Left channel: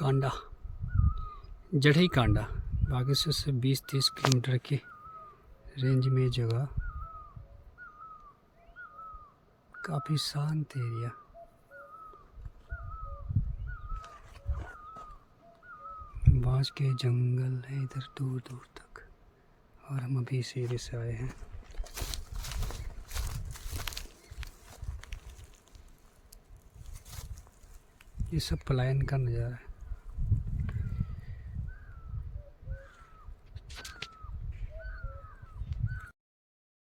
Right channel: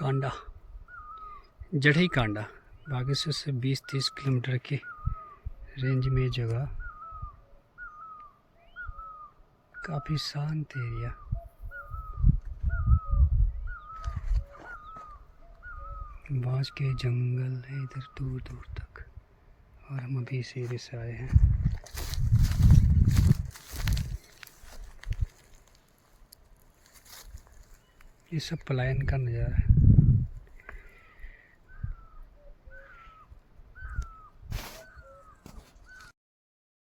कांडा, जड़ई कांडा बागेश्वर से 20-30 किलोमीटर की रेंज में जगह, काफ़ी शांत एरिया। बांस के जंगल है इधर दूर दूर तक, और हम अभी इस एरिया से आए हैं। ये सब पलायन का नज़ारा है।